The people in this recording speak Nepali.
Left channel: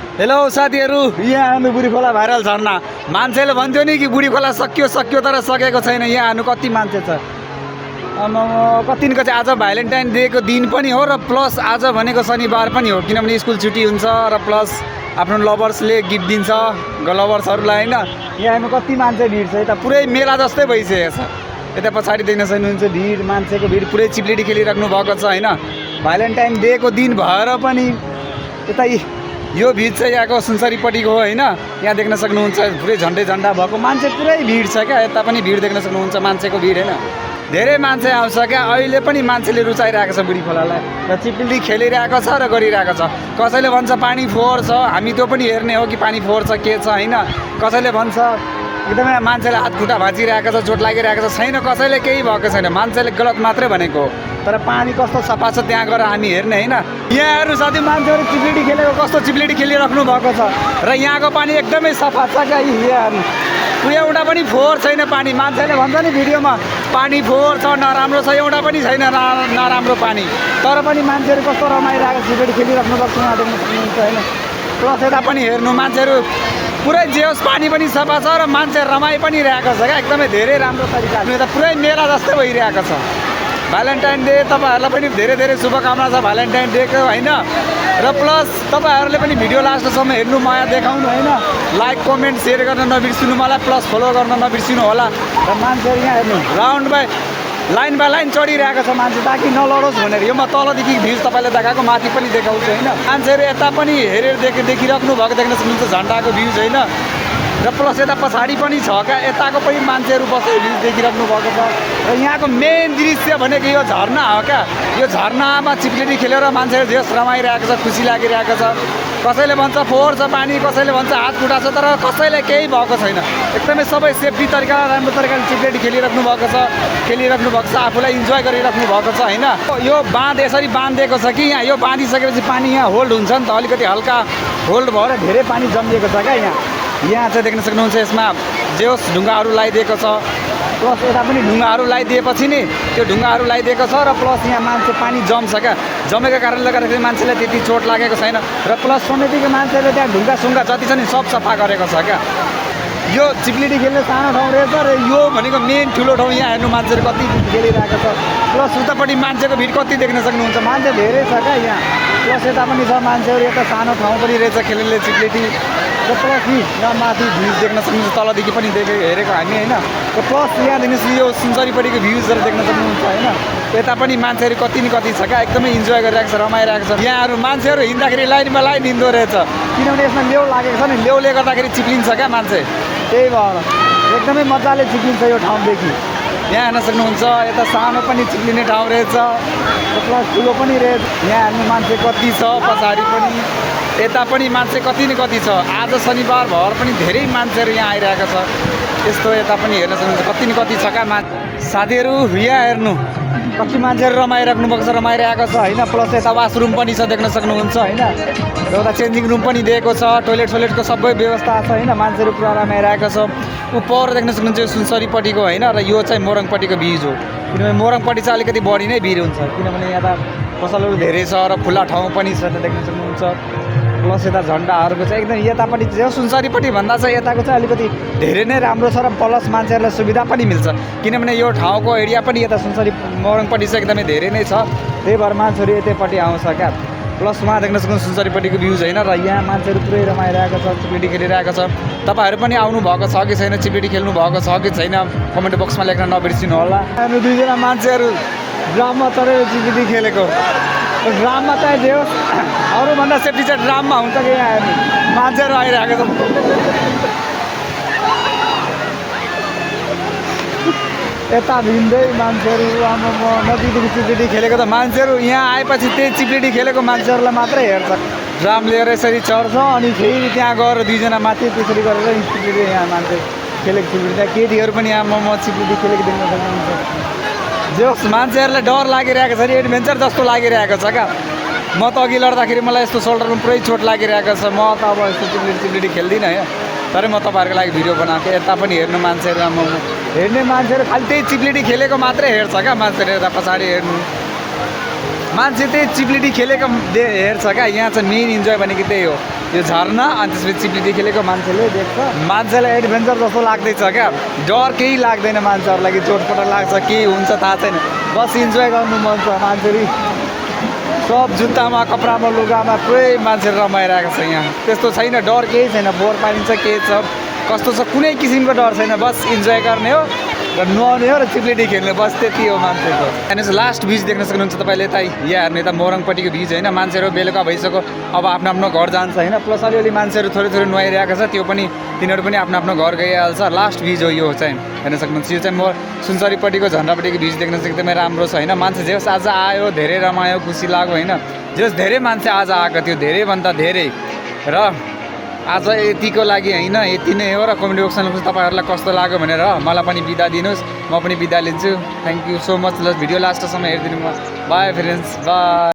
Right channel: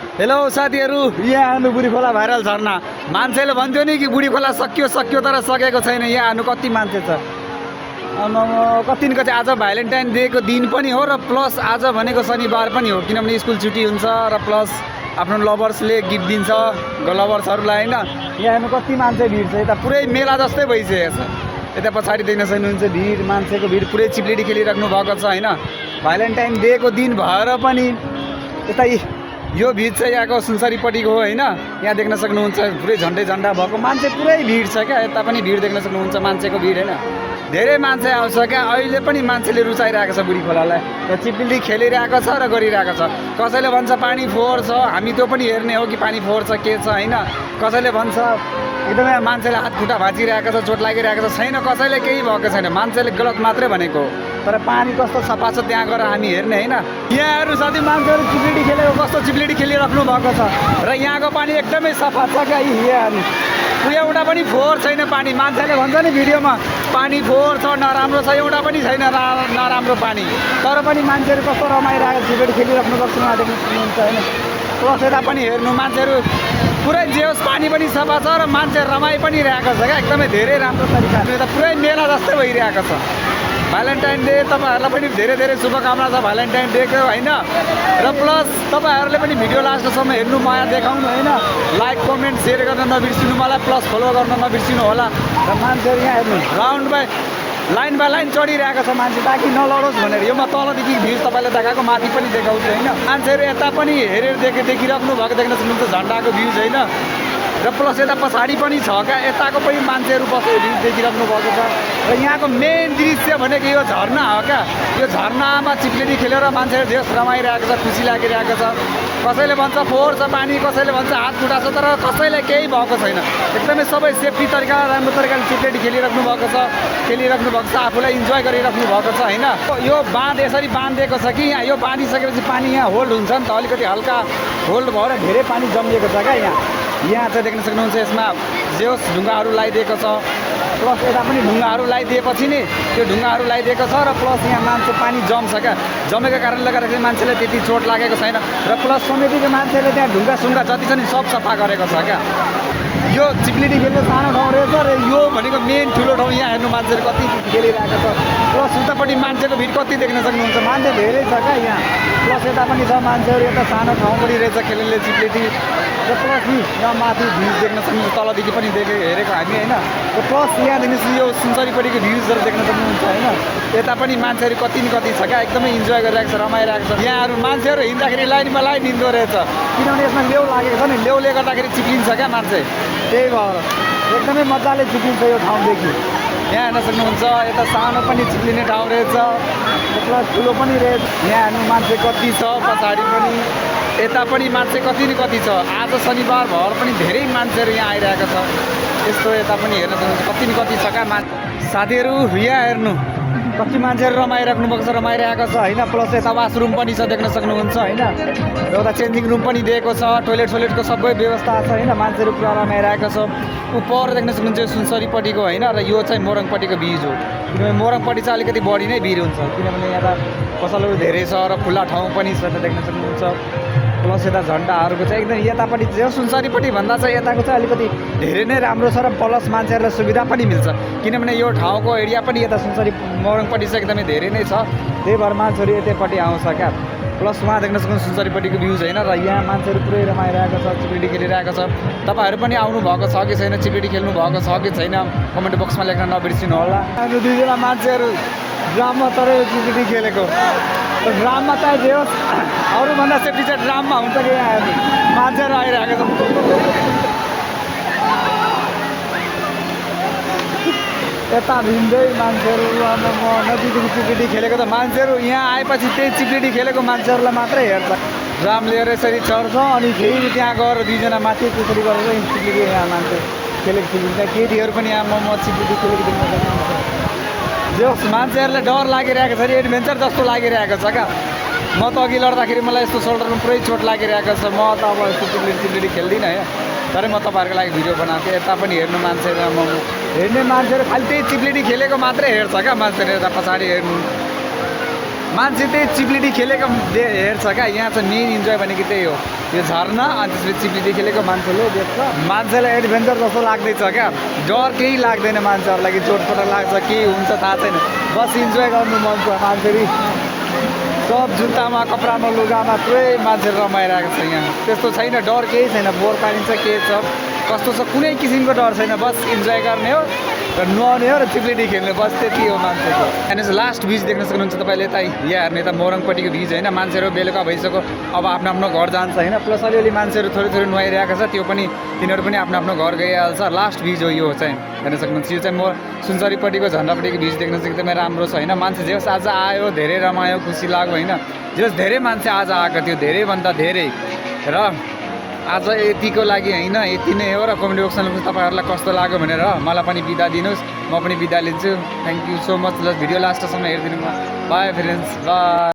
हेलो साथीहरू, यहाँ आउनु बुढी खोला भाइरल झर्ना। मान्छेले भन्थ्यो नि कि बुढी खोला सकियो सकियो तर सकेको छैन। यहाँ आउनु कति मान्छे छ, कतिको चाहिँ आज भ्यालेन्टाइन डेको दिन पनि हो र प्लस आज भनेको शनिबार पनि हो, किनभने स्कुल छुट्टी हुन्छ र प्लस आफ्नो लभर्सले गिफ्ट दिन्छ लभर्सहरूलाई होइन। यहाँ आउनु कति मान्छे भिड छ, यता पुरै मेला जस्तै भइसकेको छ। यता पछाडि देख्न सक्नुहुन्छ भिड, मान्छेको भिड पुरै चिप्लेटी खेलिराख्नु भएको छ होइन। भ्यालेन्टाइन डेको दिन भएर पनि यता यो भिड चाहिँ यहाँको सुनसरीपट्टिको हो होइन। यहाँ देख्न सक्नुहुन्छ पुरै झन्डै झन्डा भएको मान्छे पुरै भिड छ क्या। यता पनि भिड देख्न सक्नुहुन्छ, मान्छेको भिड होइन। धेरै मान्छे आउँछ क्या। अहिले पनि मान्छेले रुचाइरहेको छ बुढी खोलालाई र चिप्ली खेलिरहेको छ र गरिरहेको छ। कसैले भन्छ पानी फोहोर छ, हामी त्यो पनि हेर्ने हो कि पानी फोहोर छ के छ होइन। कसैले भन्छ एकदमै मान्छेले हात खुट्टा भाँचिरहेको छ, चोट लागिरहेको छ, छैन कसैले केही भएको छैन, मान्छेले गलत मात्रै भनेको। तर पानी कस्तो सफा छ त्यहाँ गएर हामी हेर्ने होइन। यहाँ हेर्नु साथी, मान्छेहरू चिप्लेटी खेलेको कस्तो चिप्लेटी खेलिराख्नु भएको छ र यहाँको पानी एकदमै सफा छ क्या। यहाँ हेर्नु एउटा पनि फोहोर छैन पानी। मान्छेले भन्छ नि भिडियोमा पानी फोहोर छ, नराम्रो छ, एउटा पनि छैन नराम्रो पानी। तर पनि मान्छेहरू कस्तो रमाइरहेको चिप्लेटी खेलिराख्नु भएको छ, उहाँ देख्न सक्नुहुन्छ होइन। प्लस यता पनि हेर्नु मान्छेहरू पुरै जे होस् पानी पनि सफा छ र मान्छे रमाइ पनि रहेको छ क्या। एकदमै धेरै राम्रो तरिकाले यता पुरै मेला जस्तै भइरहेको छ। भ्यालेन्टाइन डे तपाईँहरूलाई पनि धेरै धेरै शुभकामना छ भ्यालेन्टाइन डेको होइन। र प्लस तपाईँहरूले पनि भिडियो लास्टसम्म हेर्नु, माया देखाउनु होइन। लाइक कमेन्ट सेयर गर्न नबिर्सिनु, मलाई प्लस फलो गर्न नबिर्सिनु होला। र मान्छेहरू यहाँ हेर्नु राउन्ड बाई लाइन चढिरहेको छ मान्छे, ताकि नलडोस् भनेर। यो म तलदेखि भिड तपाईँले देखाएको माथि पनि देखाउँछु होइन। मान्छेहरू यता पनि हेरेर देखिराख्नु भएको देख्न सक्नुहुन्छ झन्डाको भ्युज होइन। र प्लस यता पछाडि पनि छ क्या, यताको पनि मान्छेहरू बसेर भ्युज देखिराख्नु भएको छ। र यहाँको मेन दृश्य भनेको यो झर्ना हो क्या। यो झर्नामा चिप्लेटी खेलेर मान्छेहरू देश रमाइरहेको छ, खुसी लागिरहेको छ। कसैले भन्छ फोहोर छ पानी, कसैले भन्छ हात खुट्टा छ, तर कसैले केही भएको छैन। एकदमै सबै सेफ्टी तरिका राम्रो तरिकाले चिप्लेटी खेलिराख्नु भएको छ, आफूलाई इन्जोय गरिराख्नु भएको छ होइन। यो बाँध यसरी बाँधिदिएको छ कि यहाँ यो बाँधिसकेपछि पानी यहाँ होल्ड हुन्छ नि त, अलिकति हल्का होल्ड भएर धेरै पानी जमिएको छ क्या यहाँ। यहाँ चाहिँ देख्न सक्नुहुन्छ यसमा जे होस् ढुङ्गाहरू लगाइदिएको छ। प्लस यता पनि ढुङ्गाहरू लगाइदिएपछि नि त्यो ढुङ्गाहरू लगाइदिएको छ। र प्लस यहाँ मान्छे पानी जम्छ क्या, जमेको कारणले गर्दाखेरि मान्छेलाई त्यति चोट लागेको छैन। र प्लस समितिको मान्छेले त्यहाँ ढुङ्गा जति छ नि सब सफा गरेको छ क्या। यो चिप्लेटी खेल्ने सानो ठाउँ रहेछ र यो भनेको मेन ठुलो ठाउँ। यहाँ हेर्नु मान्छेहरू कति खेलिरहेको छ। प्लस उतापट्टि मान्छेको भिड कति देख्न सक्नुहुन्छ, मान्छे धेरै छ क्या यहाँ। प्लस यता पनि छ मान्छेहरू, यता सानो ठाउँ पनि रहेछ खेल्ने चिप्लेटी। र प्लस यहाँ माथि भ्युज देख्न सक्नुहुन्छ, तलदेखि पनि हेरेको हामी होइन। र प्लस यहाँ देख्नुहोस् यो सुनसरीपट्टिको भ्युजहरू देख्न सक्नुहुन्छ होइन। यता पनि मान्छेहरू कति न कति छ क्या, एकदमै इन्जोय गरिरहेको छ, रमाइरहेको छ। यहाँहरू मान्छेहरू हिँड्दाखेरि लाइनमा लाइन हिँड्दो रहेछ, किनभने यसमा लेउ लागेको छ नि, लेउले गर्दाखेरि चिप्लिन्छ क्या मान्छे। त्यही भएर एकदमै मजाले चिप्लिन्छ यो ठाउँदेखि। यहाँ हेर्न सक्नुहुन्छ यता सानो पनि चिप्लिने ठाउँ रहेछ र प्लस ठुलो पनि रहेछ। यहाँ हेर्नु मान्छे कति छ, पछाडि पनि यता पनि मान्छे कति न कति छ। आज शनिबार भएर पनि धेरै मान्छेहरू यहाँ आइरहेको छ। त्यस्तो यता पनि हेर्न सक्नुहुन्छ कति न कति छ क्या मान्छे। साथीहरू यहाँ हेर्नु कति मान्छेहरू रमाइरहेको छ होइन। प्लस यता वासरुम पनि छ देख्न सक्नुहुन्छ होइन। एउटा चेन्जिङ रुम पनि दिएको छ, टोइलेटको सबै व्यवस्था छ होइन। मान्छेहरू पुरा रमाइरहेको छ। उपर देख्न सक्नुहुन्छ सुनसरीपट्टिको होइन। र यो चाहिँ मोरङपट्टिको भ्युज हो, किनभने मोरङपट्टि चाहिँ अलिकति बढी नै भिड हुन्छ, किनभने यहाँ पसलहरू धेरै छ र खुल्ला ठाउँ पनि छ देख्न सक्नुहुन्छ। प्लस यता झन्डाहरूको चाहिँ एकदम यतापट्टि सुनसरीपट्टि भन्दा चाहिँ यताको चाहिँ अलिकति धेरै नै राम्रो छ। र प्लस मान्छेहरूलाई सुविधा पनि मिल्छ, किनभने यो ठाउँको एरिया पनि यता सुनसरी मोरङपट्टि चाहिँ एकदमै धेरै नै छ। त्यही भएर मान्छेहरू यतैपट्टि आउँछ क्या। प्लस उहाँ देख्न सक्नुहुन्छ सुनसरीपट्टिको भ्युज होइन। र यहाँ मान्छेहरू पुरै रमाइरहेको छ, चिप्लेटी खेलिरहेको छ। तपाईँहरू पनि आउनु भएको छ कि छैन, चिप्लेटी खेल्नु भएको छ कि छैन, कमेन्ट बक्समा लेख्न नबिर्सिनु होला। हामी दुईजना मान्छेहरू ड्राममा चढेर चिप्लेटी खेलेको। ड्राममा चाहिँ जे होस् अरूभन्दा सेफ्टी चाहिँ ड्राममा हुन्छ। यहाँ हेर्नु मान्छेहरू आइरहेको छ, यता भिन्दै मान्छेहरू। नजिकदेखि चिप्लेटी खेलेको त मान्छेहरू यहाँ आएपछि त्यही चिप्लेटी खेलेको मान्छेहरूलाई मात्रै हेर्छ। ड्राम लिएर यसरी चढ्छ अनि फेरि त्यहाँ गएर दुईजना माथि त्यसरी गरेर चिप्लेटी यहाँ मान्छे खेलेको चिप्लेटी। केटीहरू पनि यहाँ म चिप्लेटी खेलेको देख्न सक्नुहुन्छ। जो मान्छेहरूलाई डर लागिरहेको छ, एडभेन्चर जस्तो लागिरहेको छ क्या। म त अघि लड्दाखेरि मलाई यस्तो सोल्डरमा पुरै चोट लागिरहेको छ। म त अब यस्तो चिप्लेटी खेल्दिनँ होइन, तर म तपाईँहरूको लागि भिडियो बनाएको। यता पनि हेर्नु मान्छेहरू हेर्ने मान्छेहरू खालि त्यही चिप्लेटी खेलेको मात्रै हेर्छ क्या। मान्छेहरू यता पछाडि हेर्नु मान्छे त्यही चिप्लेटी खेलेको हेर्छ क्या। यहाँ चाहिँ मेन इन्जोय भनेको त्यही हो। त्यो झर्ना अनि त्यसपछि चिप्लिँदै खेलेको मान्छेले देख्छ मान्छेलाई एडभेन्चर जस्तो लाग्दैछ क्या डर केही लाग्दैन मान्छेहरूलाई कि चोटपटक लाग्छ के हुन्छ थाहा छैन बस इन्जोय गर्नु मन छ मान्छेले सब जुत्तामा कपडामा लुगामा पुरै मान्छे रमाइरहेको छ यहाँ त्यस्तो छैन डर केही छैन बोर पाइन्छ के छ कस्तो छ कुनै किसिमको डर छैन बस इन्जोय गर्ने हो र नुहाउने हो र चिप्लेटी खेल्ने बस त्यति हो मान्छेको अनि लास्ट भिज देख्न सक्नुहुन्छ तपाईँले यता यहाँ हेर्ने यता मोरङपट्टिको भिज होइन मान्छेहरू बेलुका भइसक्यो अब आफ्नो आफ्नो घर जान्छ होइन प्लस अलिअलि मान्छेहरू थोरै थोरै नुहाइरहेको छ त्यो पनि तिनीहरू पनि आफ्नो आफ्नो घर गइहाल्छ लास्ट भिज हो यो चाहिँ हेर्न सक्नुहुन्छ यो चाहिँ म सुनसरीपट्टिको झन्डापट्टिको भिज देख्न चाहिँ एकदमै राम्रो छ होइन मान्छे जस आज आयो धेरै रमायो खुसी लाग्यो होइन जस धेरै मान्छे आज आएको थियो धेरैभन्दा धेरै र आज यतिको लागि होइन यति नै हो र कमेडी बक्समा तपाईँहरूलाई कस्तो लाग्यो भनेर मलाई पनि बिदा दिनुहोस् म पनि बिदा लिन्छु थ्याङ्क यू सो मच ल भिडियो लास्टसम्म हेरिदिनु बाई फ्रेन्ड्स बाई